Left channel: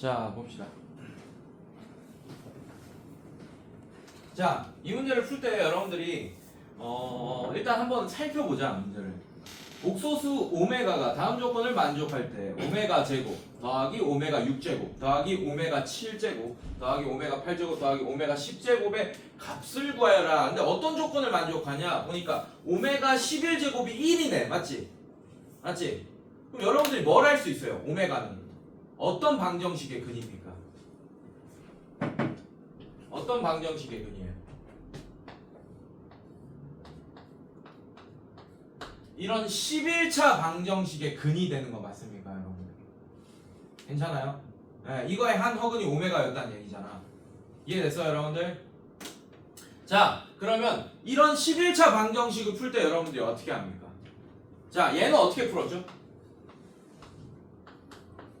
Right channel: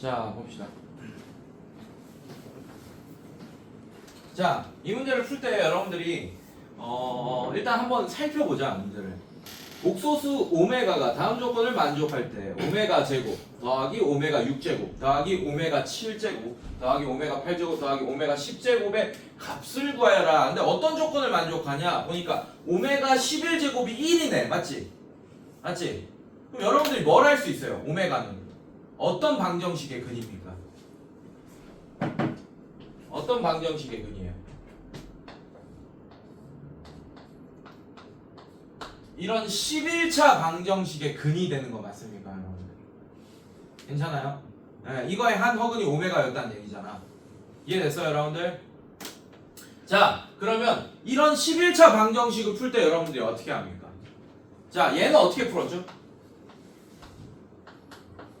자, 봅시다. 자, 이 문제를 풀 때 여러분들이 일단 한번 살펴보자, 문제를. 옥소수 오메가가 다음 조건을 만족할 때 오메가 제곱 더하기 오메가 6제곱 더하기 오메가 7제곱 더하기 오메가 8제곱 더하기 오메가 10제곱의 값을 구하여라. 근데 어떤 조건을 만족하냐? 보니까 오메가 11제곱이 1이네. 맞지? 맞지? 그럼 여러분들이 뭘 할 수 있어요? 오메가는 어떤 방정식의 근입니까? 어떤 방정식의 근이에요? 이런 11차 방정식의 근이 되는 거 맞습니까, 여러분들? 괜찮아요? 네, 이거의 한 허근이 오메가였다는 얘기잖아. 이해됐어요, 여러분들? 자, 그러면 이런 11차 방정식을 풀 때 여러분들이 어떻게 합니까? 자, 얘는 어떻게 풀었죠?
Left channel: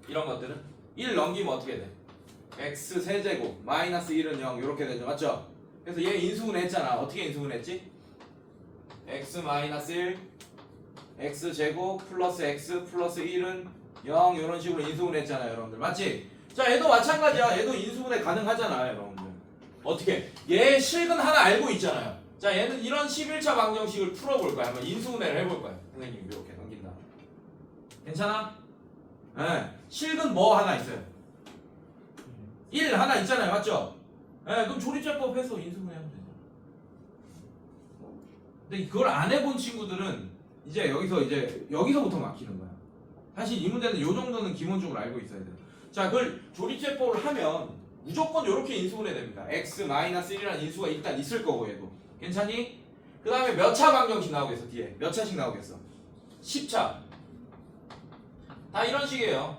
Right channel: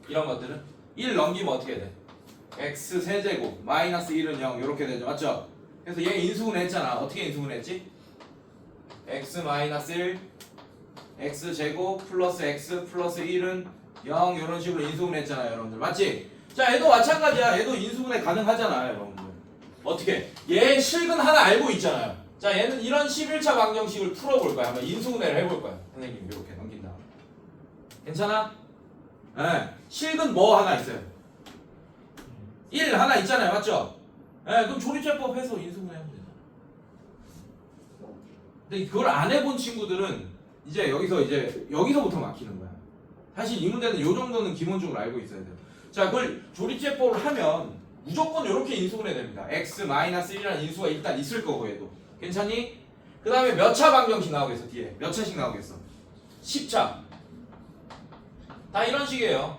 이런 것들은 1 넘기면 어떻게 돼? x 세제곱 마이너스 1은 0 이렇게 되죠, 맞죠? 그래서 얘 인수분해 했잖아. 어떻게 인수분해 했지? x 마이너스 1 x제곱 플러스 x 플러스 1은 0 이런 식으로 인수분해 했잖아요, 여러분들. 맞지? 자, 얘도 마찬가지야. 얘도 인수분해 가능하잖아요, 여러분들. 어떻게? 얘 실근 하나 알고 있잖아요. 자, 얘는 이런 11차 방정식을 풀어볼 거야. 한번 인수분해를 해볼 거야. 선생님 이렇게 넘긴다. 괜찮아? 네. 실근 뭐 하나 있어요? 1 하나 있잖아요, 맞죠? 네, 그럼 조립제법 해서 인수분해하면 되죠. 근데 그걸 안 해본 친구들은 이제 여기서부터 막히는 거야. 사실 이 문제는 요 정도는 기본적으로 알고 있어야 돼요. 자, 그걸 조립제법을 하면 무조건 이렇게 인수분해 됩니다. x-1이라는 인수가 일단 있을 거고 얘도. 괜찮니? 그 다음에 몇 차 방정식 나오겠어, 뒤에? 몇 차씩 나오겠어? 10차. 다 이런 식이에요.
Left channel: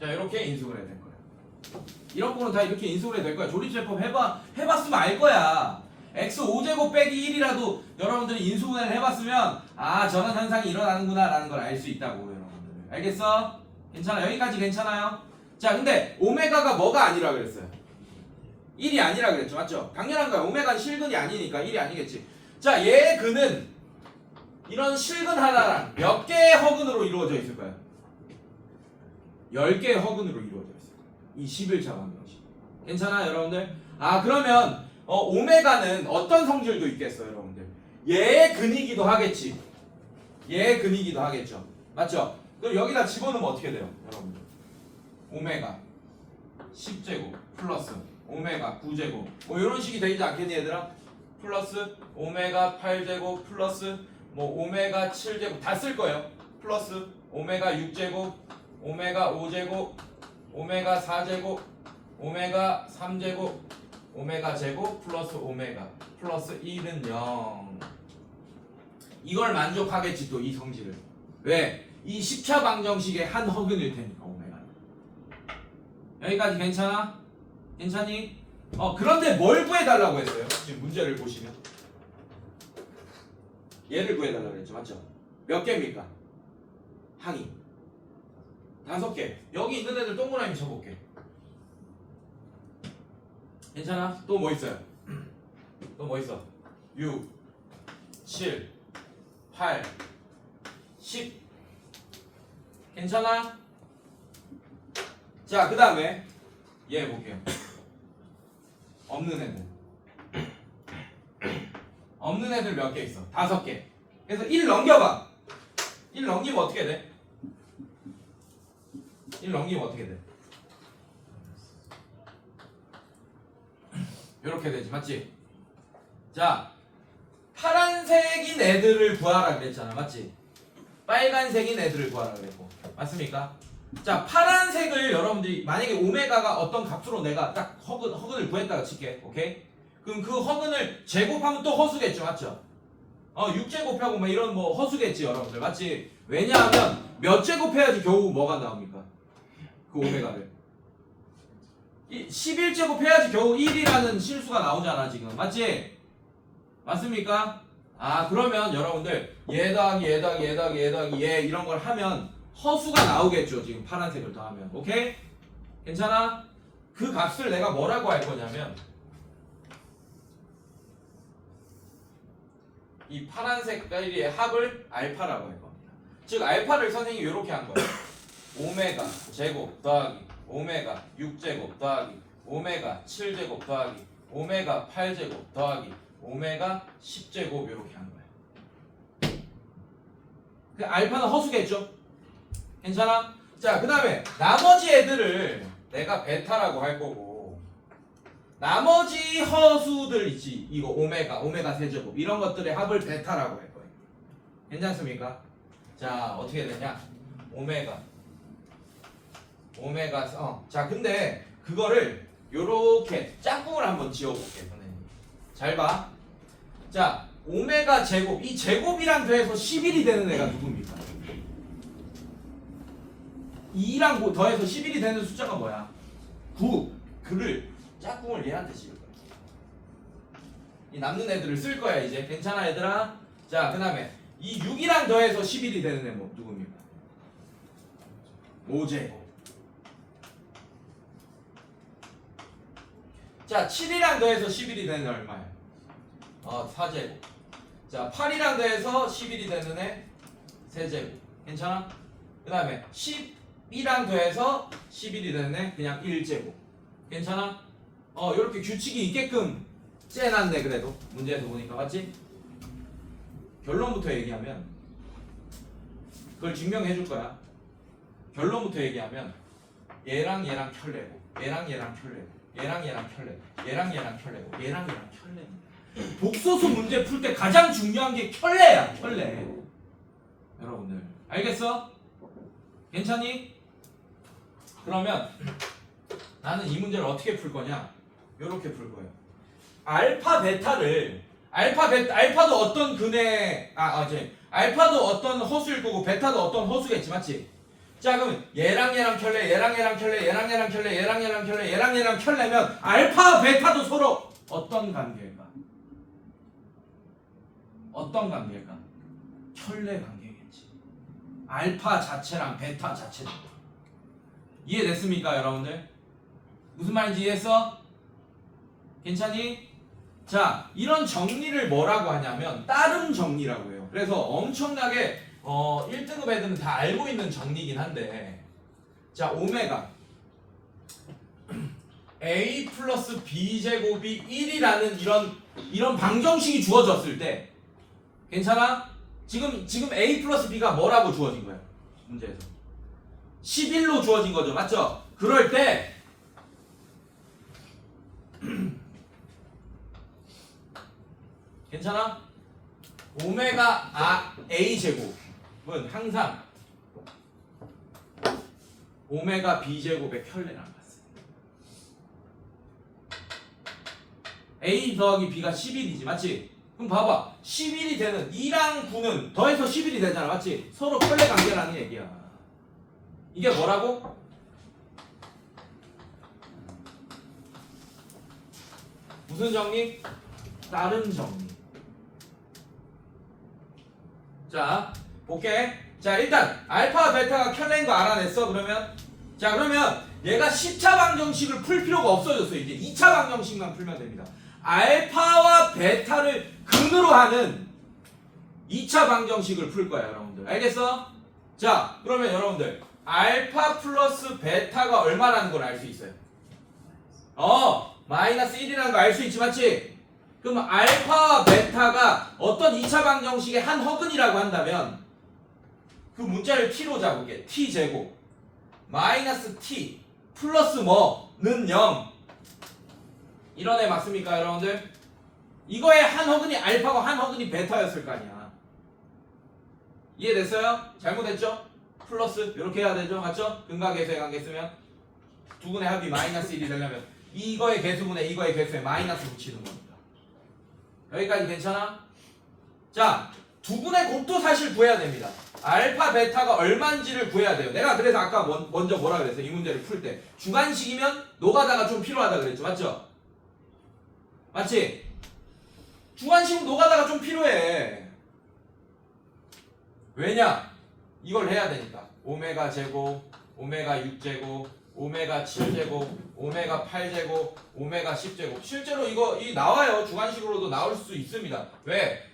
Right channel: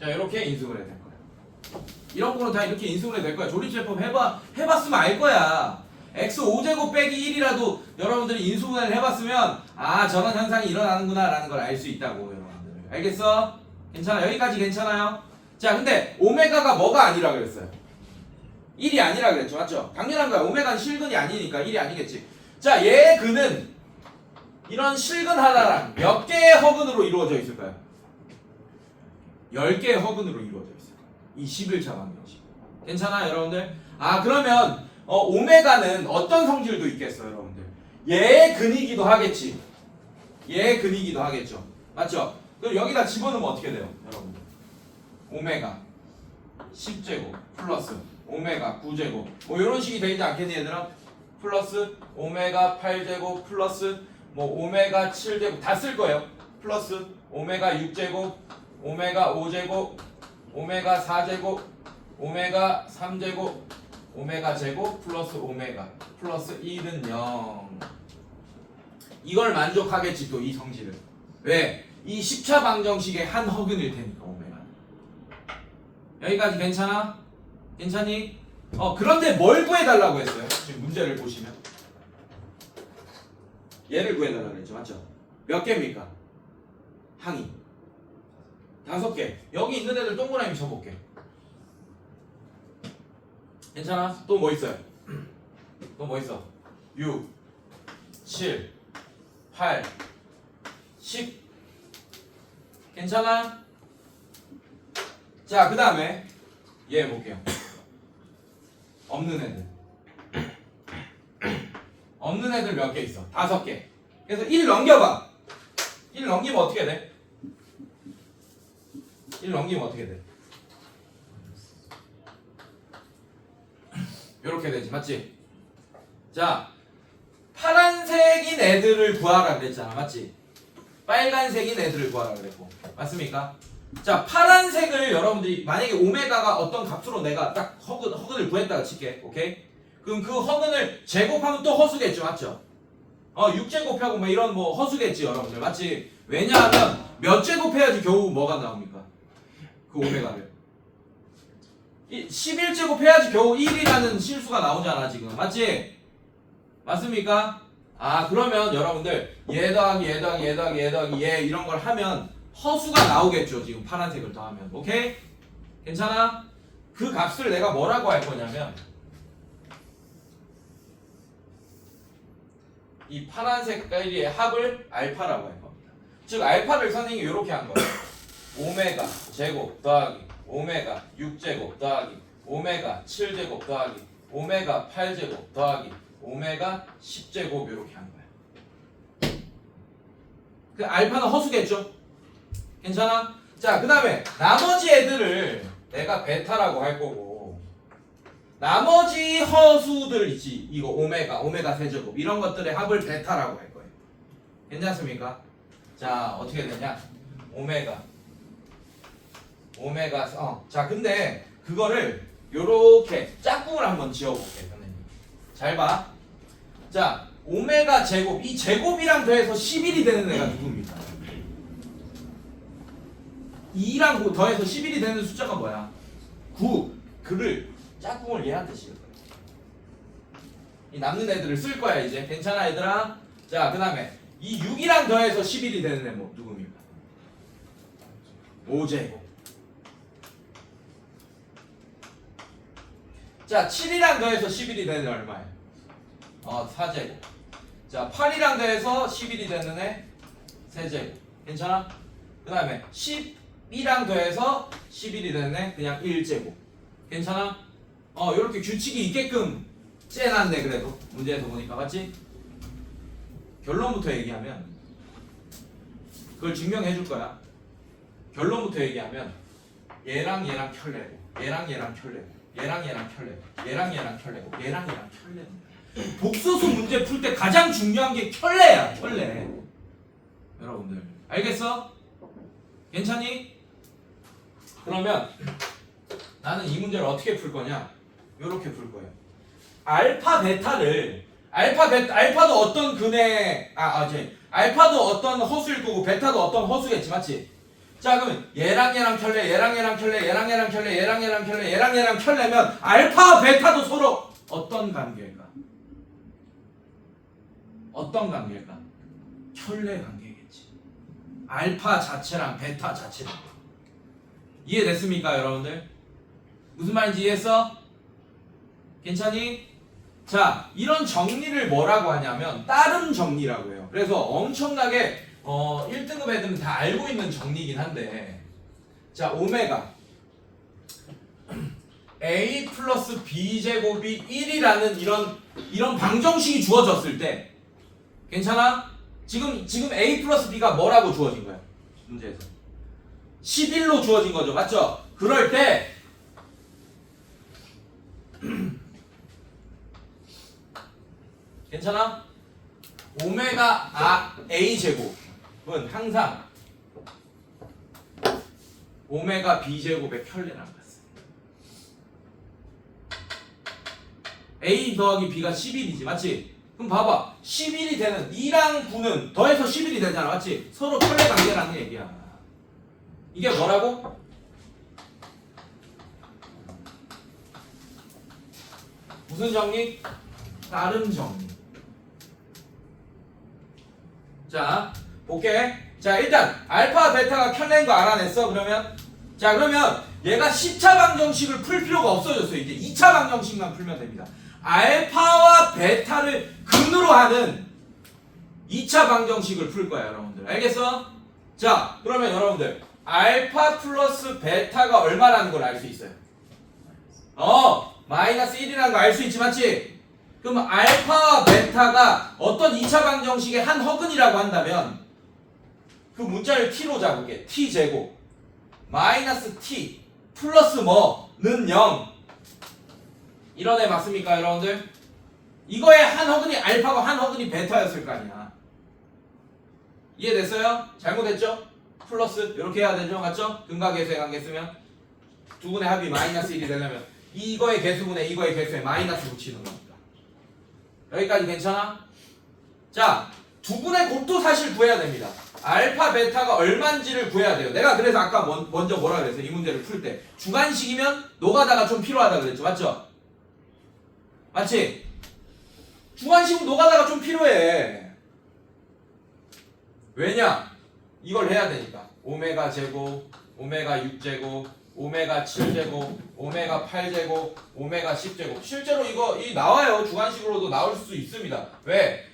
자, 이렇게 인수분해 될 거야. 이런 거는 다 이렇게 인수분해 될 거야. 조립제법 해봤으면 알 거야. x 5제곱 빼기 1이라도 여러분들이 인수분해를 해봤으면 아, 저런 현상이 일어나는구나 라는 걸 알 수 있다고, 여러분들. 알겠어? 괜찮아? 여기까지 괜찮아요? 자, 근데 오메가가 뭐가 아니라 그랬어요? 1이 아니라 그랬죠, 맞죠? 당연한 거야. 오메가는 실근이 아니니까 1이 아니겠지. 자, 얘의 근은 이런 실근 하나랑 몇 개의 허근으로 이루어져 있을까요? 10개의 허근으로 이루어져 있어요. 이 11차 방정식. 괜찮아요, 여러분들? 아, 그러면 오메가는 어떤 성질도 있겠어요, 여러분들? 얘의 근이기도 하겠지. 얘의 근이기도 하겠죠. 맞죠? 그럼 여기다 집어넣으면 어떻게 돼요, 여러분들? 오메가 10제곱 플러스 오메가 9제곱 뭐 이런 식이 되지 않겠니, 얘들아? 플러스 오메가 8제곱 플러스 뭐 오메가 7제곱 다 쓸 거예요. 플러스 오메가 6제곱 오메가 5제곱 오메가 4제곱 오메가 3제곱 오메가 제곱 플러스 오메가 플러스 1은 0. 이걸 만족하겠지, 또 이 성질을. 왜? 이 10차 방정식의 한 허근일 테니까, 오메가. 여기까지 괜찮아? 괜찮니? 그런데 뭘 구해달라고 했어요? 지금 문제를 보시면 얘를 구해달라고 했죠, 맞죠? 몇 개입니까? 항이 5개. 여기 있는 애들 동그라미 쳐볼게. 괜찮아? 또 뭐 있어요? 또 뭐 있어? 6, 7, 8, 10. 괜찮아? 자, 그 다음에 얘 볼게요. 없는 애들. 없는 애들 몇 개 있어? 5개. 그래서 1 넘겨봐. 1 넘기면 어떻게 돼? 1 넘기면 어떻게 돼? 이렇게 되지, 맞지? 자, 파란색인 애들을 구하라 그랬잖아, 맞지? 빨간색인 애들을 구하라 그랬고, 맞습니까? 자, 파란색을 여러분들이 만약에 오메가가 어떤 값으로 내가 딱 허근을 구했다고 칠게, 오케이? 그럼 그 허근을 제곱하면 또 허수겠죠, 맞죠? 6제곱하고 뭐 이런 뭐 허수겠지, 여러분들, 맞지? 왜냐하면 몇 제곱해야지 겨우 뭐가 나옵니까? 그 오메가를 11제곱 해야지 겨우 1이라는 실수가 나오잖아, 지금. 맞지? 맞습니까? 아, 그러면 여러분들 얘 더하기 얘 더하기 얘 더하기 얘 더하기 얘 이런 걸 하면 허수가 나오겠죠, 지금 파란색을 더하면. 오케이? 괜찮아? 그 값을 내가 뭐라고 할 거냐면 이 파란 색깔의 합을 알파라고 할 겁니다. 즉 알파를 선생님이 이렇게 한 거예요. 오메가 제곱 더하기 오메가 6제곱 더하기 오메가 7제곱 더하기 오메가 8제곱 더하기 오메가 10제곱 이렇게 한 거예요. 그 알파는 허수겠죠? 괜찮아? 자, 그 다음에 나머지 애들을 내가 베타라고 할 거고 나머지 허수들 있지. 이거 오메가 세제곱 이런 것들의 합을 베타라고 할 거예요. 괜찮습니까? 자, 어떻게 되냐? 자, 근데 그거를 요렇게 짝꿍을 한번 지어볼게요. 선생님. 잘 봐. 자, 오메가 제곱, 이 제곱이랑 더해서 11이 되는 애가 누굽니까? 2랑 더해서 11이 되는 숫자가 뭐야? 9. 그를 짝꿍을 얘한테 씌울 거야. 이 남는 애들을 쓸 거야 이제. 괜찮아 얘들아? 자, 그 다음에 이 6이랑 더해서 11이 되는 애 뭐 누굽니까? 5제곱. 자, 7이랑 더해서 11이 되는 애 얼마야? 4제곱. 자, 8이랑 더해서 11이 되는 애 3제곱. 괜찮아? 그 다음에 10이랑 더해서 11이 되는 애 그냥 1제곱. 괜찮아? 이렇게 규칙이 있게끔 째놨네. 그래도 문제에서 보니까 맞지? 결론부터 얘기하면 그걸 증명해 줄 거야. 결론부터 얘기하면 얘랑 켤레고 얘랑 켤레고 얘랑 켤레고 얘랑 켤레고 얘랑 켤레고. 복소수 문제 풀 때 가장 중요한 게 켤레야. 켤레. 여러분들 알겠어? 괜찮니? 그러면 나는 이 문제를 어떻게 풀 거냐? 요렇게 풀 거예요. 알파도 어떤 근의 알파도 어떤 허수일 거고 베타도 어떤 허수겠지, 맞지? 자, 그러면 얘랑 켤레, 얘랑 켤레, 얘랑 켤레, 얘랑 켤레, 얘랑 켤레면 알파와 베타도 서로 어떤 관계일까? 어떤 관계일까? 켤레 관계겠지. 알파 자체랑 베타 자체랑. 이해됐습니까, 여러분들? 무슨 말인지 이해했어? 괜찮니? 자, 이런 정리를 뭐라고 하냐면 따름 정리라고 해요. 그래서 엄청나게 1등급 애들은 다 알고 있는 정리긴 한데, 자, 오메가 a 플러스 b 제곱이 1이라는 이런 방정식이 주어졌을 때 괜찮아? 지금 a 플러스 b가 뭐라고 주어진 거야? 문제에서 11로 주어진 거죠, 맞죠? 그럴 때 괜찮아? 오메가 a 제곱은 항상 오메가 b 제곱의 켤레랑 같습니다. a 더하기 b가 11이지, 맞지? 그럼 봐봐, 11이 되는 2랑 9는 더해서 11이 되잖아, 맞지? 서로 켤레 관계라는 얘기야. 이게 뭐라고? 무슨 정리? 따름 정리. 자, 볼게. 자, 일단 알파, 베타가 켤레인 거 알아냈어. 그러면 얘가 10차 방정식을 풀 필요가 없어졌어요. 이제 2차 방정식만 풀면 됩니다. 알파와 베타를 근으로 하는 2차 방정식을 풀 거야, 여러분들. 알겠어? 자, 그러면 여러분들 알파 플러스 베타가 얼마라는 걸 알 수 있어요. 마이너스 1이라는 거 알 수 있지, 맞지? 그럼 알파와 베타가 어떤 2차 방정식의 한 허근이라고 한다면 그 문자를 t로 잡을게. t제곱 마이너스 t 플러스 뭐는 0 이런 애 맞습니까, 여러분들? 이거의 한 허근이 알파고 한 허근이 베타였을 거 아니야. 이해됐어요? 잘못했죠? 플러스 이렇게 해야 되죠, 맞죠? 근각계수의 관계 쓰면 두 분의 합이 마이너스 1이 되려면 이거의 개수분의 이거의 개수에 마이너스 붙이는 겁니다. 여기까지 괜찮아? 자, 두 분의 곱도 사실 구해야 됩니다. 알파, 베타가 얼마인지를 구해야 돼요. 내가 그래서 아까 먼저 뭐라 그랬어? 이 문제를 풀 때 주관식이면 노가다가 좀 필요하다 그랬죠, 맞죠? 맞지? 주관식은 노가다가 좀 필요해. 왜냐? 이걸 해야 되니까. 오메가 제곱, 오메가 6제곱, 오메가 7제곱, 오메가 8제곱, 오메가 10제곱. 실제로 이 나와요. 주관식으로도 나올 수 있습니다. 왜?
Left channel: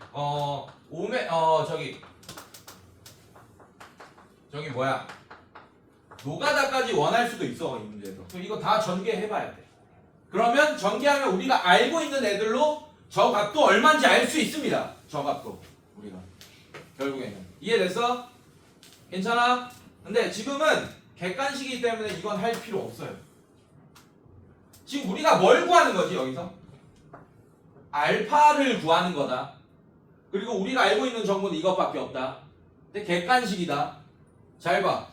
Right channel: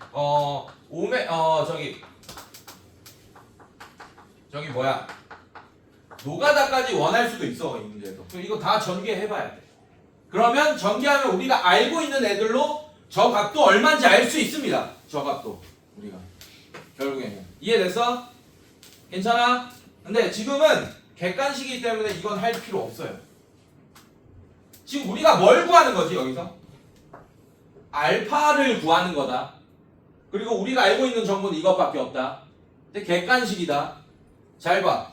저기 뭐야 노가다까지 원할 수도 있어 이 문제도. 이거 다 전개해봐야 돼. 그러면 전개하면 우리가 알고 있는 애들로 저 값도 얼마인지 알 수 있습니다. 저 값도 우리가 결국에는 이해됐어? 괜찮아? 근데 지금은 객관식이기 때문에 이건 할 필요 없어요. 지금 우리가 뭘 구하는 거지 여기서? 알파를 구하는 거다. 그리고 우리가 알고 있는 정보는 이것밖에 없다. 근데 객관식이다. 잘 봐.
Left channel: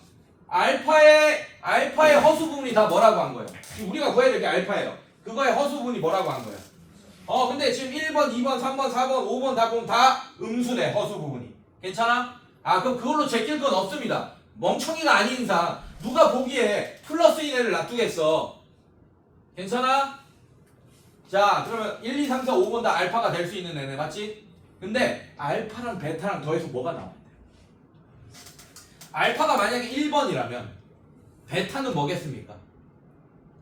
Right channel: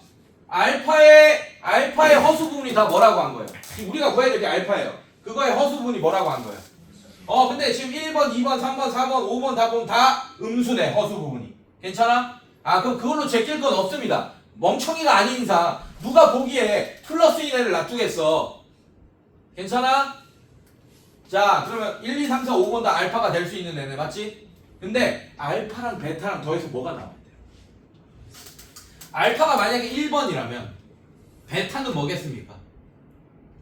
알파의 허수 부분이 다 뭐라고 한 거예요? 지금 우리가 구해야 될 게 알파예요. 그거의 허수 부분이 뭐라고 한 거예요? 근데 지금 1번, 2번, 3번, 4번, 5번 다 보면 다 음수네 허수 부분이. 괜찮아? 그럼 그걸로 제낄 건 없습니다. 멍청이가 아닌 이상 누가 보기에 플러스인 애를 놔두겠어. 괜찮아? 자 그러면 1, 2, 3, 4, 5번 다 알파가 될 수 있는 애네 맞지? 근데 알파랑 베타랑 더해서 뭐가 나와야 돼? 알파가 만약에 1번이라면 베타는 뭐겠습니까?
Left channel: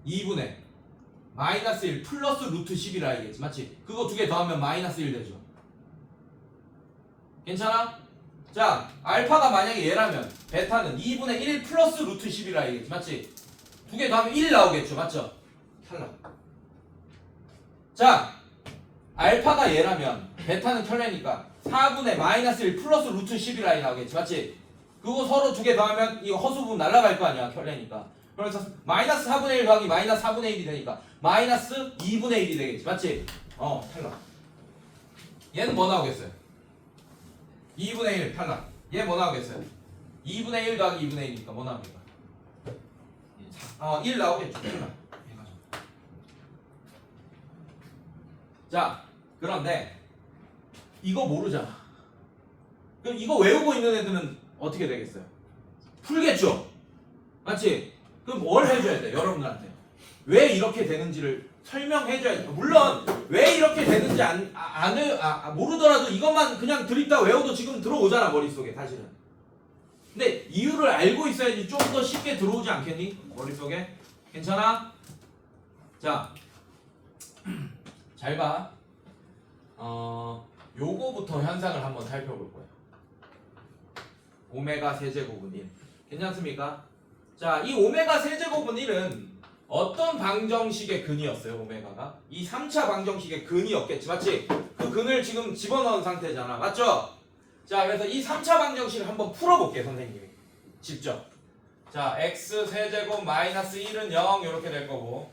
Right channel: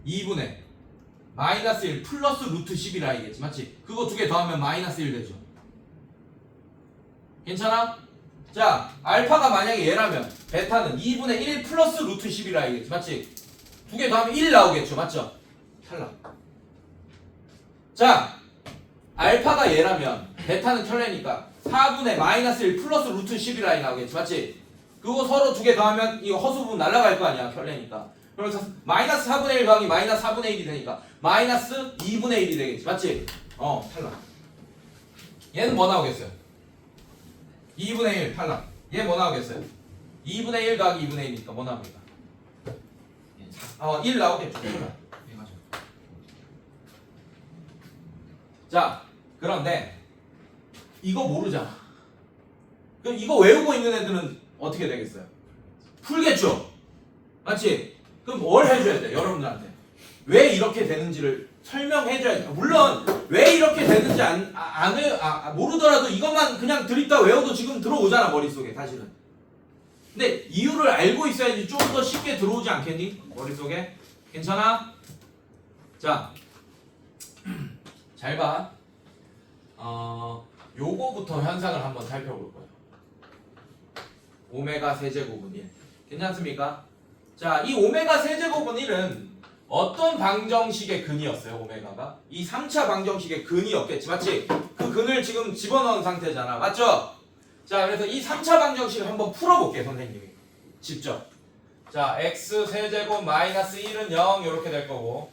2분의 마이너스 1 플러스 루트 10이라 이겠지 맞지? 그거 두 개 더하면 마이너스 1 되죠. 괜찮아? 자 알파가 만약에 얘라면 베타는 2분의 1 플러스 루트 10이라 이겠지 맞지? 두 개 더하면 1 나오겠죠 맞죠? 탈락. 자 알파가 얘라면 베타는 털레니까 4분의 마이너스 1 플러스 루트 11i 나오겠지 맞지? 그거 서로 두 개 더하면 이거 허수 부분 날아갈 거 아니야 털레니까. 그래서 마이너스 4분의 1 더하기 마이너스 4분의 1이 되니까 마이너스 2분의 1이 되겠지 맞지? 탈락. 얘는 뭐 나오겠어요? 2분의 1 탈락. 얘 뭐 나오겠어요? 2분의 1 더하기 2분의 1이니까 뭐 나옵니까? 1 나오겠죠. 자, 그런데 이거 모르잖아. 그럼 이거 외우고 있는 애들은 어떻게 되겠어요? 풀겠죠? 맞지? 그럼 뭘 해줘야 돼? 여러분들한테 왜 이렇게 되는지를 설명해줘야 돼. 물론 왜 이렇게 되는지 모르더라도 이것만 그냥 드립다 외워도 지금 들어오잖아 머릿속에 사실은. 근데 이유를 알고 있어야지 좀 더 쉽게 들어오지 않겠니? 머릿속에. 괜찮아? 자 잘 봐. 요거부터 현상을 한번 살펴볼 거예요. 오메가 세제곱은 1. 괜찮습니까? 자, 이 오메가 세제곱은 1은 어떤 방정식의 근이었어요, 오메가가? 이 3차 방정식의 근이었겠지, 맞지? 그 근을 지금 집어넣은 상태잖아, 맞죠? 자, 그래서 이 3차 방정식을 한번 풀어볼게요, 선생님이. 직접. 자, x 세제곱 마이너스 1은 0 이렇게 될 거고.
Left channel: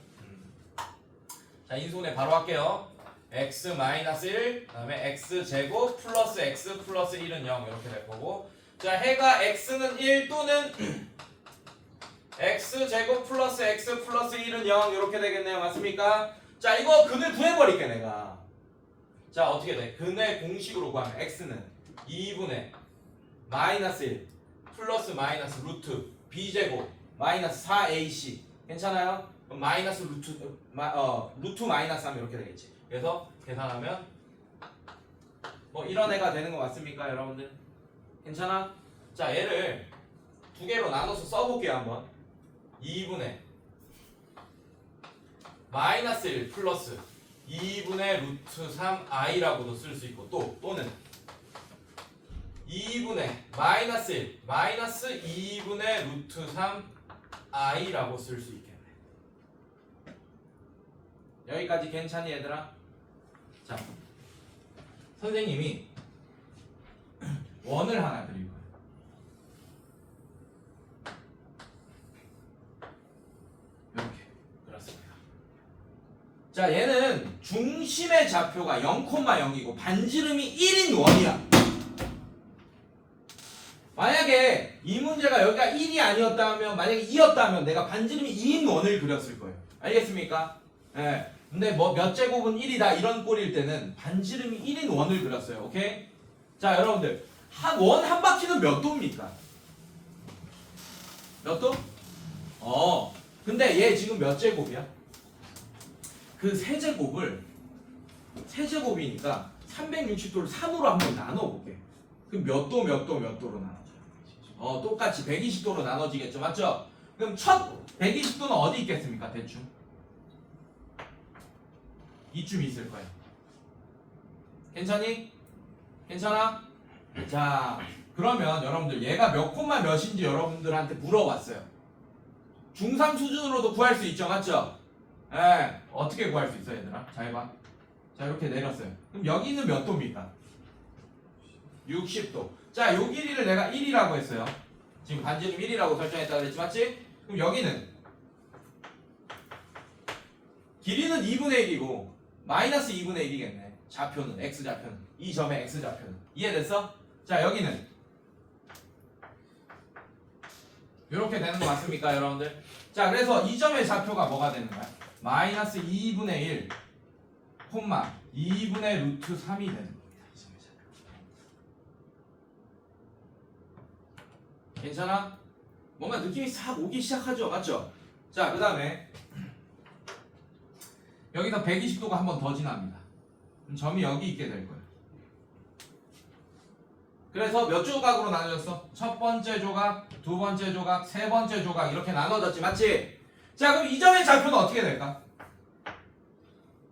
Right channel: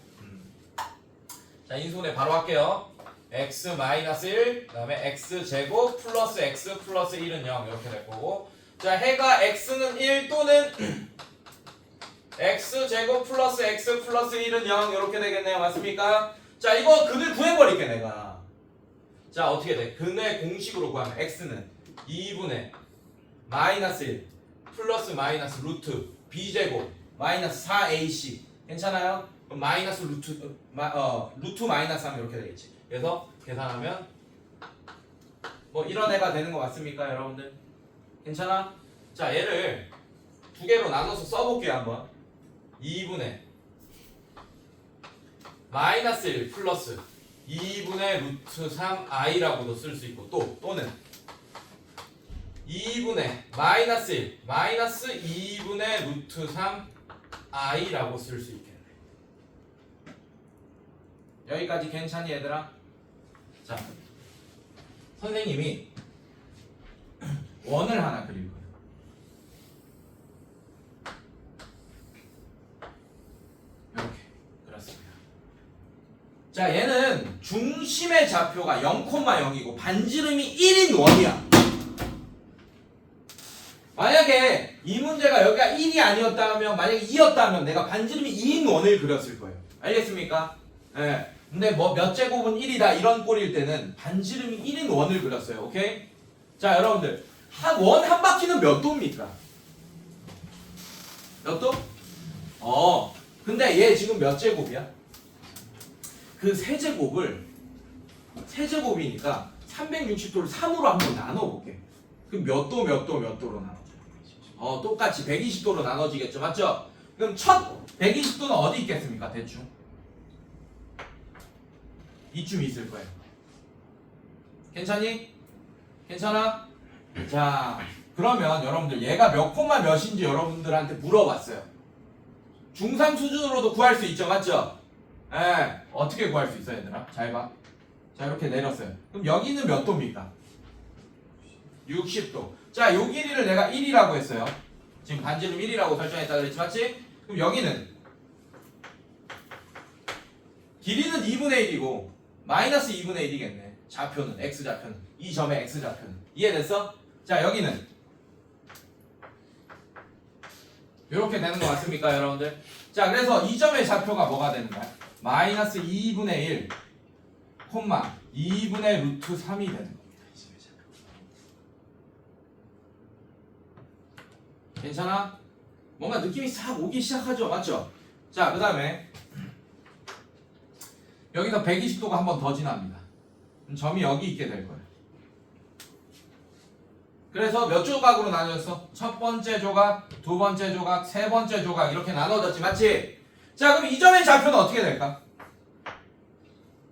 자, 인수분해 바로 할게요. x 마이너스 1, 그 다음에 x 제곱 플러스 x 플러스 1은 0 이렇게 될 거고. 자, 해가 x는 1 또는 x 제곱 플러스 x 플러스 1은 0 이렇게 되겠네요. 맞습니까? 자, 이거 근을 구해버릴게 내가. 자, 어떻게 돼? 근의 공식으로 구하면 x는 2분의 마이너스 1 플러스 마이너스 루트 b제곱 마이너스 4ac 괜찮아요? 그럼 마이너스 루트 마이너스 하면 이렇게 되겠지. 그래서 계산하면 뭐 이런 애가 되는 거 맞습니까 여러분들? 괜찮아? 자, 얘를 두 개로 나눠서 써볼게요 한번. 2분의 마이너스 1 플러스 2분의 루트 3i라고도 쓸 수 있고 또는 2분의 마이너스 1 마이너스 2분의 루트 3i라고 쓸 수 있겠네. 여기까지 괜찮니 얘들아? 자, 선생님이 원을 하나 그릴 거예요. 이렇게 그렇습니다. 자, 얘는 중심의 좌표가 0,0이고 반지름이 1인 원이야. 만약에 이 문제가 여기가 1이 아니었다면 만약에 2였다면 내가 반지름이 2인 원을 그렸을 거예요. 알겠습니까? 예. 근데 뭐 몇 제곱은 1이다 이런 꼴일 때는 반지름이 1인 원을 그렸어요. 오케이? 자, 여러분들 원 한 바퀴는 몇 도입니까? 몇 도? 근데 얘 지금 몇 제곱이야? 그 세제곱이니까 360도를 3으로 한번 나눠볼게. 그럼 몇 도 몇 도 몇 도로 나눠져? 똑같이 120도로 나눠지겠죠, 맞죠? 그럼 첫 120도는 어디 있겠습니까, 대충? 이쯤 있을 거예요. 괜찮니? 괜찮아? 자, 그러면 여러분들 얘가 몇 콤마 몇인지 여러분들한테 물어봤어요. 중3 수준으로도 구할 수 있죠, 맞죠? 예, 어떻게 구할 수 있어, 얘들아? 잘 봐. 자, 이렇게 내렸어요. 그럼 여기는 몇 도입니까? 60도. 자, 요 길이를 내가 1이라고 했어요. 지금 반지름 1이라고 설정했다 그랬지, 맞지? 그럼 여기는 길이는 2분의 1이고 마이너스 2분의 1이겠네. 좌표는 x좌표는 이 점의 x좌표는 이해됐어? 자, 여기는 이렇게 되는 거 맞습니까, 여러분들? 자, 그래서 이 점의 좌표가 뭐가 되는 거야? 마이너스 2분의 1 콤마 2분의 루트 3이 되는 겁니다. 이 점의 좌표. 괜찮아? 뭔가 느낌이 싹 오기 시작하죠, 맞죠? 자, 그 다음에 여기서 120도가 한 번 더 지납니다. 그럼 점이 여기 있게 될 거예요. 그래서 몇 조각으로 나눠졌어? 첫 번째 조각, 두 번째 조각, 세 번째 조각 이렇게 나눠졌지, 맞지? 자, 그럼 이 점의 좌표는 어떻게 될까?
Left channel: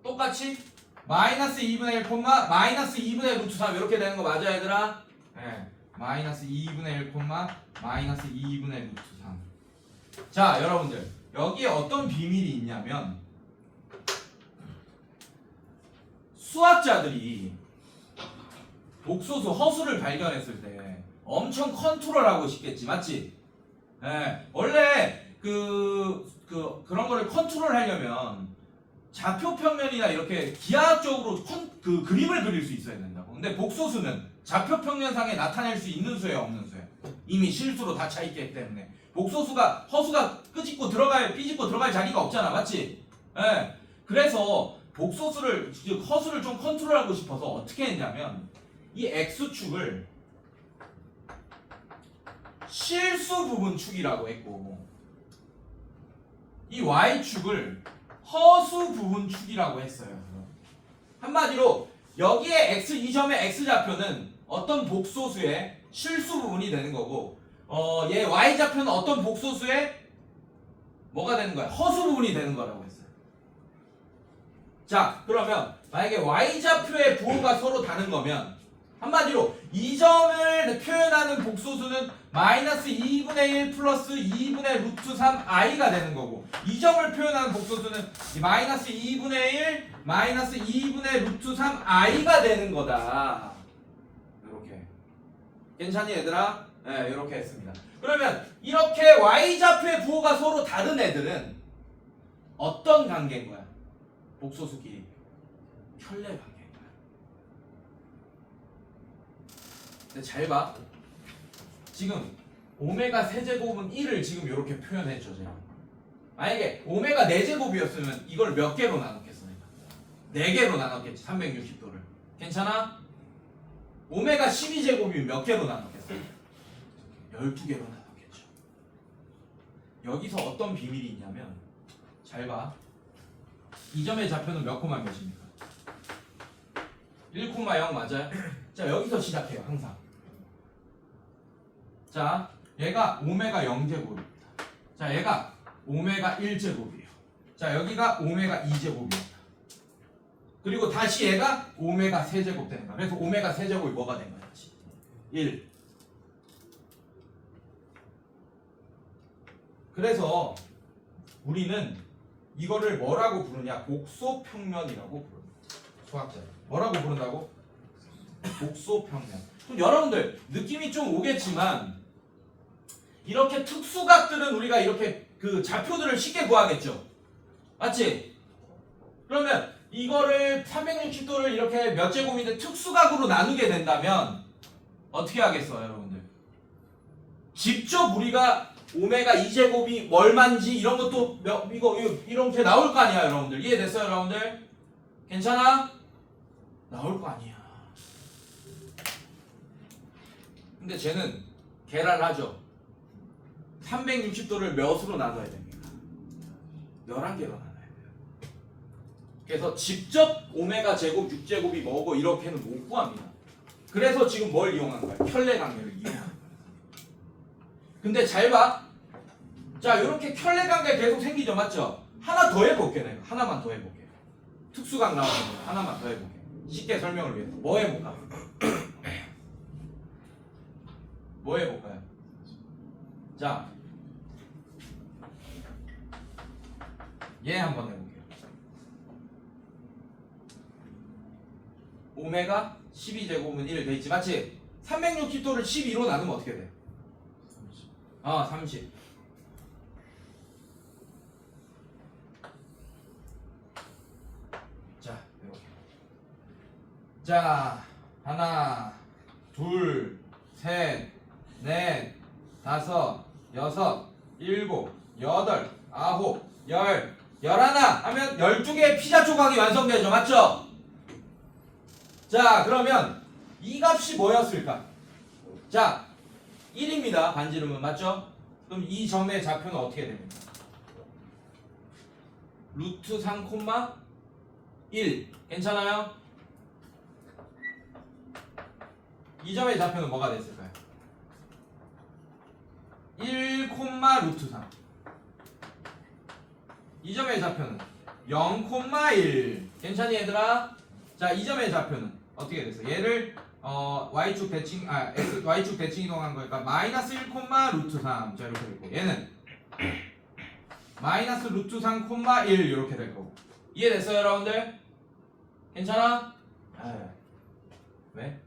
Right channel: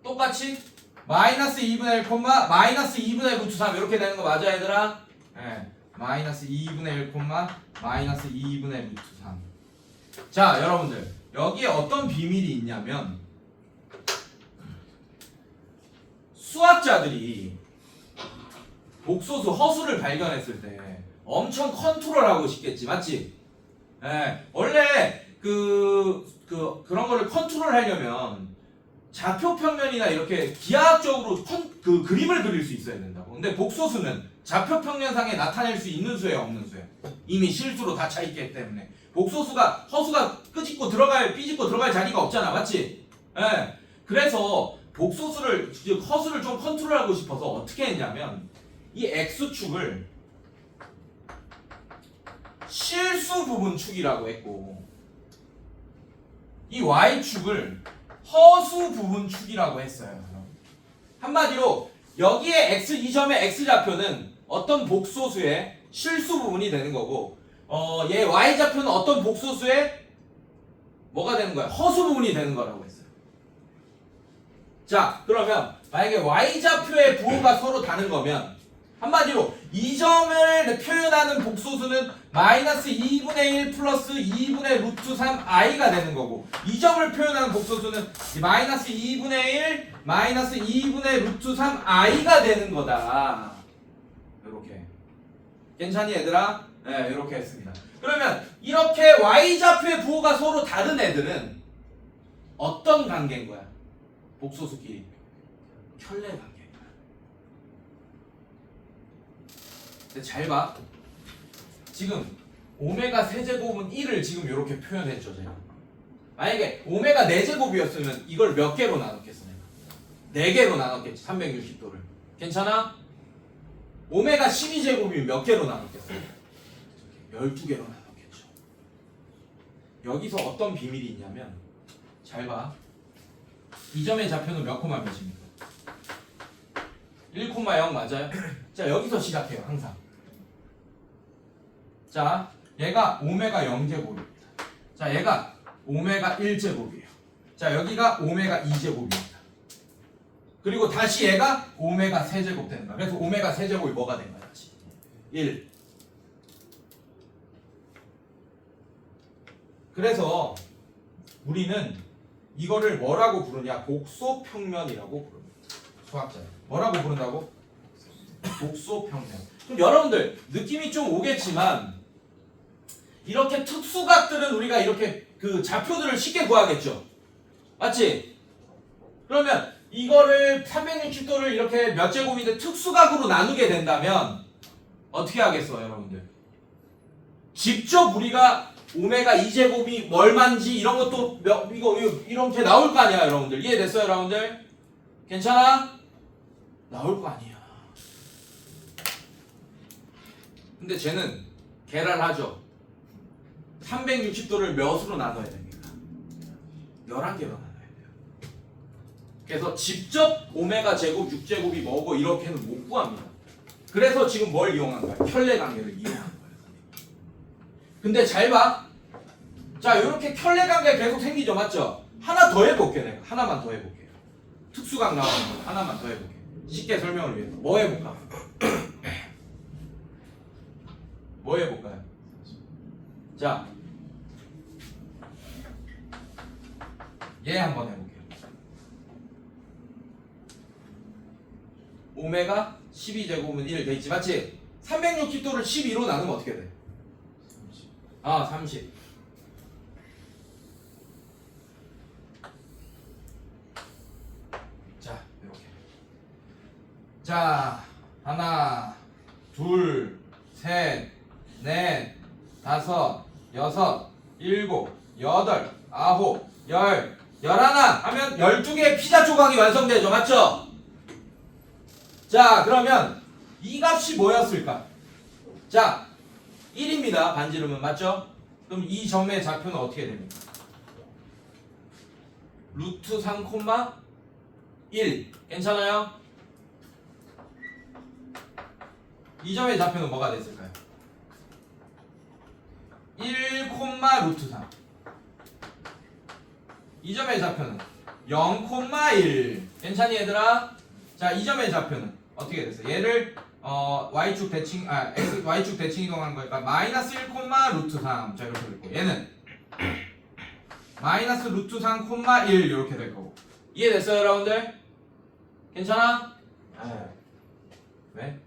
똑같이 마이너스 2분의 1 콤마 마이너스 2분의 루트 3 이렇게 되는 거 맞아, 얘들아? 네, 마이너스 2분의 1 콤마 마이너스 2분의 루트 3. 자, 여러분들 여기에 어떤 비밀이 있냐면 수학자들이 복소수 허수를 발견했을 때 엄청 컨트롤하고 싶겠지, 맞지? 예, 원래 그런 거를 컨트롤하려면 좌표 평면이나 이렇게 기하학적으로 그 그림을 그릴 수 있어야 된다고. 근데 복소수는 좌표 평면상에 나타낼 수 있는 수예요, 없는 수예요? 이미 실수로 다 차 있기 때문에 복소수가 허수가 삐집고 들어갈 자리가 없잖아, 맞지? 예, 그래서 복소수를 즉 허수를 좀 컨트롤하고 싶어서 어떻게 했냐면 이 x축을 실수 부분 축이라고 했고 이 y축을 허수 부분 축이라고 했어요. 한마디로 여기에 이 점의 x좌표는 어떤 복소수의 실수 부분이 되는 거고 얘 y좌표는 어떤 복소수의 뭐가 되는 거야? 허수 부분이 되는 거라고 했어요. 자, 그러면 만약에 y좌표의 부호가 서로 다른 거면 한마디로 이 점을 표현하는 복소수는 마이너스 2분의 1 플러스 2분의 루트 3i가 되는 거고 이 점을 표현하는 복소수는 마이너스 2분의 1 마이너스 2분의 루트 3i가 되는 거다. 이렇게 괜찮니, 얘들아? 네, 이렇게 했습니다. 그러면 이렇게 y좌표의 부호가 서로 다른 애들은 어떤 관계인 거야? 복소수끼리 켤레 관계인 거야. 근데 잘 봐. 지금 오메가 세제곱은 1을 지금 이렇게 표현했죠, 제가. 만약에 오메가 4제곱이었으면 이걸 몇 개로 나눴겠어, 내가? 4개로 나눴겠지, 360도를. 괜찮아? 오메가 12제곱이면 몇 개로 나눴겠어? 12개로 나눴겠죠. 여기서 어떤 비밀이 있냐면 잘 봐. 이 점의 좌표는 몇 콤마 몇입니까? 1,0 맞아요? 자, 여기서 시작해요, 항상. 자, 얘가 오메가 0제곱입니다. 자, 얘가 오메가 1제곱이에요. 자, 여기가 오메가 2제곱입니다. 그리고 다시 얘가 오메가 세제곱 되는 거야. 그래서 오메가 세제곱이 뭐가 된 거야, 다시? 1. 그래서 우리는 이거를 뭐라고 부르냐? 복소평면이라고 부릅니다. 수학자는 뭐라고 부른다고? 복소평면. 그럼 여러분들 느낌이 좀 오겠지만 이렇게 특수각들은 우리가 이렇게 그 좌표들을 쉽게 구하겠죠, 맞지? 그러면 이거를 360도를 이렇게 몇 제곱인데 특수각으로 나누게 된다면 어떻게 하겠어요, 여러분들? 직접 우리가 오메가 2제곱이 얼마인지 이런 것도 이거 이렇게 나올 거 아니야, 여러분들. 이해됐어요, 여러분들? 괜찮아? 나올 거 아니야. 근데 쟤는 계란하죠. 360도를 몇으로 나눠야 됩니까? 11개로 나눠야 돼요. 그래서 직접 오메가 제곱 6제곱이 뭐고 이렇게는 못 구합니다. 그래서 지금 뭘 이용한 거야? 켤레 관계를 이용한 거야. 근데 잘 봐. 자, 이렇게 켤레 관계 계속 생기죠, 맞죠? 하나 더 해볼게, 내가. 하나만 더 해볼게. 특수각 나오는 거 하나만 더 해볼게. 쉽게 설명을 위해서. 뭐 해볼까? 뭐 해볼까요? 자, 얘 한번 해볼게요. 오메가 12제곱은 1 돼있지 맞지? 360도를 12로 나누면 어떻게 돼? 30. 자, 이렇게. 자, 하나, 둘, 셋, 넷, 다섯, 여섯, 일곱, 여덟, 아홉, 열, 열하나 하면 12개의 피자 조각이 완성되죠. 맞죠? 자, 그러면 이 값이 뭐였을까? 자, 1입니다. 반지름은 맞죠? 그럼 이 점의 좌표는 어떻게 됩니까? 루트 3, 1 괜찮아요? 이 점의 좌표는 뭐가 됐을까요? 1, 루트 3. 이 점의 좌표는 0, 1 괜찮니 얘들아? 자, 이 점의 좌표는 어떻게 됐어요? 얘를 y축 대칭 y축 대칭 이동한 거니까 마이너스 1, 루트 3. 자, 이렇게 될 거고 얘는 마이너스 루트 3, 1 이렇게 될 거고 이해됐어요 여러분들? 괜찮아? 왜?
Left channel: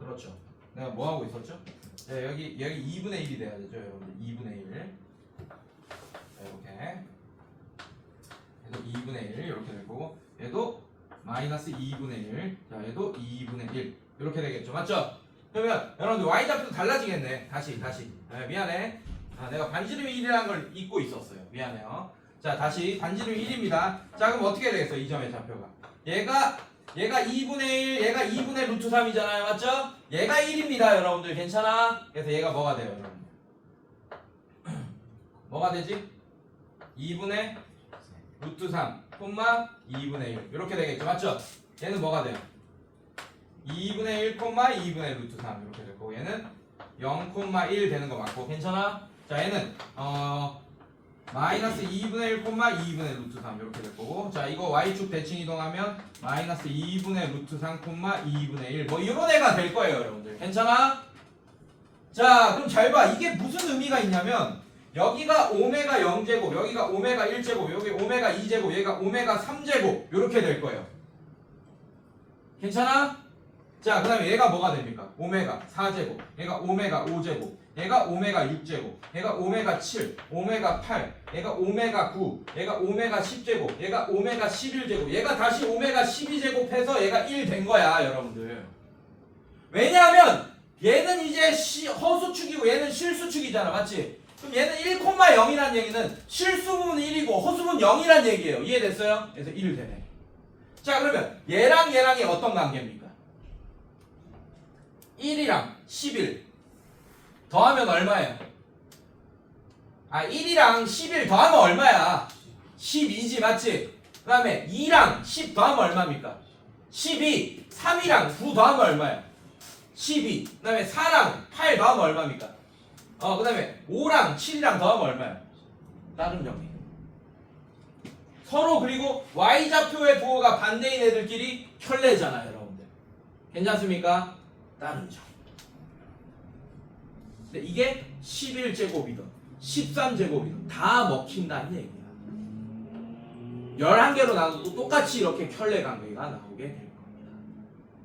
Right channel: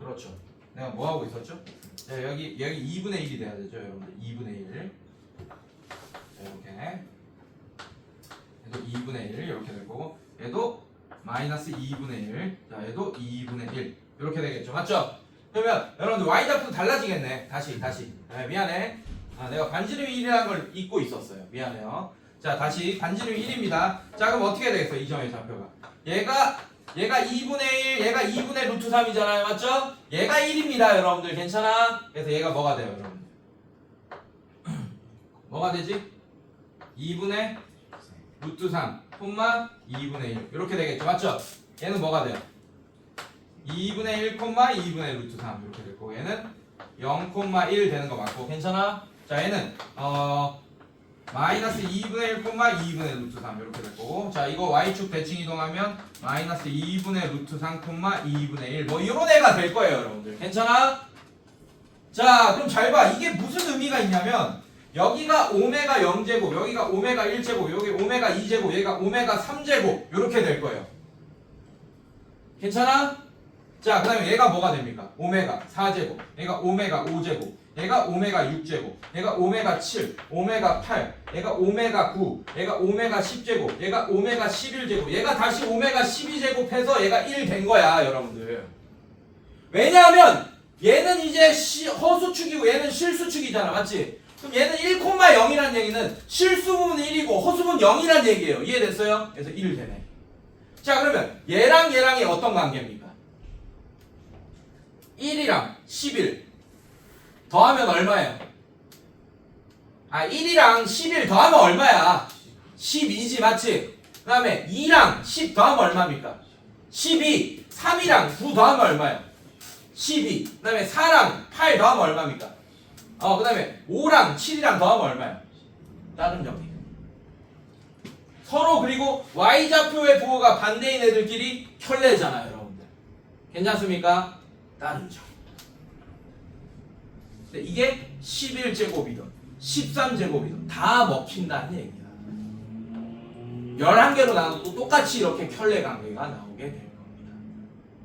그렇죠. 내가 뭐 하고 있었죠? 자, 여기 2분의 1이 돼야 되죠 여러분들. 2분의 1 이렇게 얘도 2분의 1 이렇게 될 거고 얘도 마이너스 2분의 1 자 얘도 2분의 1 이렇게 되겠죠 맞죠? 그러면 여러분들 y좌표도 달라지겠네. 다시 미안해. 내가 반지름이 1이라는 걸 잊고 있었어요. 미안해요. 자 다시 반지름이 1입니다. 자 그럼 어떻게 되겠어 이 점의 좌표가 얘가 2분의 1 얘가 2분의 루트 3이잖아요 맞죠? 얘가 1입니다 여러분들. 괜찮아? 그래서 얘가 뭐가 돼요 여러분들? 뭐가 되지? 2분의 루트 3 2분의 1 이렇게 되겠죠 맞죠? 얘는 뭐가 돼요? 2분의 1 2분의 루트 3 이렇게 될 거고 얘는 0, 1 되는 거 맞고 괜찮아? 자 얘는 마이너스 2분의 1, 2분의 루트 3 이렇게 될 거고 자 이거 y축 대칭 이동하면 마이너스 2분의 루트 3, 2분의 1 뭐 이런 애가 될 거예요 여러분들. 괜찮아? 자 그럼 잘 봐. 이게 무슨 의미가 있냐면 여기가 오메가 0제곱 여기가 오메가 1제곱 여기 오메가 2제곱 여기가 오메가 3제곱 이렇게 될 거예요. 괜찮아? 자 그 다음에 얘가 뭐가 됩니까? 오메가 4제곱 얘가 오메가 5제곱 얘가 오메가 6제곱 얘가 오메가 7 오메가 8 얘가 오메가 9 얘가 오메가 10제곱 얘가 오메가 11제곱 얘가 다시 오메가 12제곱 해서 얘가 1 된 거야 여러분들. 왜냐하면 얘는 이제 허수축이고 얘는 실수축이잖아 맞지? 그럼 얘는 1,0이라는 얘기는 실수분 1이고 허수분 0이라는 얘기예요. 이해됐어요? 그래서 1 되네. 자 그러면 얘랑 얘랑이 어떤 관계입니까? 1이랑 11 더하면 얼마예요? 1이랑 11 더하면 얼마야? 12지 맞지? 그 다음에 2랑 10 더하면 얼마입니까? 12 3이랑 9 더하면 얼마야? 12 그 다음에 4랑 8 더하면 얼마입니까? 그 다음에 5랑 7이랑 더하면 얼마야? 다른 정리. 서로 그리고 y좌표의 부호가 반대인 애들끼리 켤레잖아요 여러분들. 괜찮습니까? 다른 정리. 근데 이게 11제곱이든 13제곱이든 다 먹힌다는 얘기야. 11개로 나눠도 똑같이 이렇게 켤레 관계가 나오게 될 겁니다.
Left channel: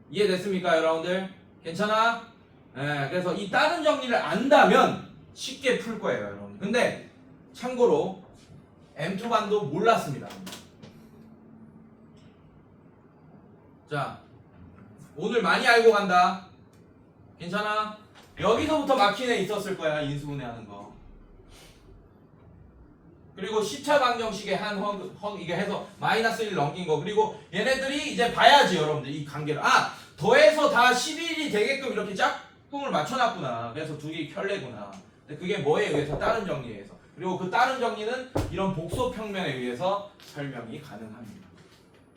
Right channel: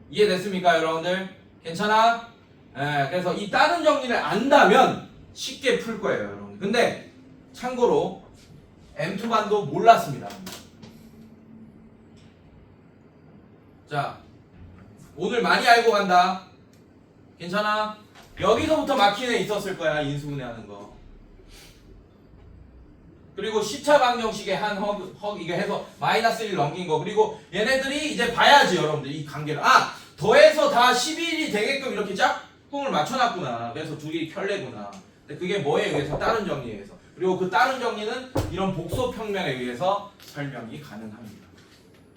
이해됐습니까 여러분들? 괜찮아? 그래서 이 다른 정리를 안다면 쉽게 풀 거예요 여러분. 근데 참고로 M2반도 몰랐습니다. 자 오늘 많이 알고 간다. 괜찮아? 여기서부터 막힌 애 있었을 거야 인수분해 하는 거. 그리고 시차 방정식에 한 이게 해서 마이너스 1 넘긴 거. 그리고 얘네들이 이제 봐야지 여러분들 이 관계를. 더해서 다 11이 되게끔 이렇게 짝꿍을 맞춰놨구나. 그래서 두 개의 켤레구나. 근데 그게 뭐에 의해서? 다른 정리에 의해서. 그리고 그 다른 정리는 이런 복소평면에 의해서 설명이 가능합니다.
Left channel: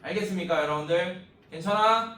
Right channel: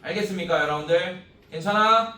알겠습니까 여러분들? 괜찮아?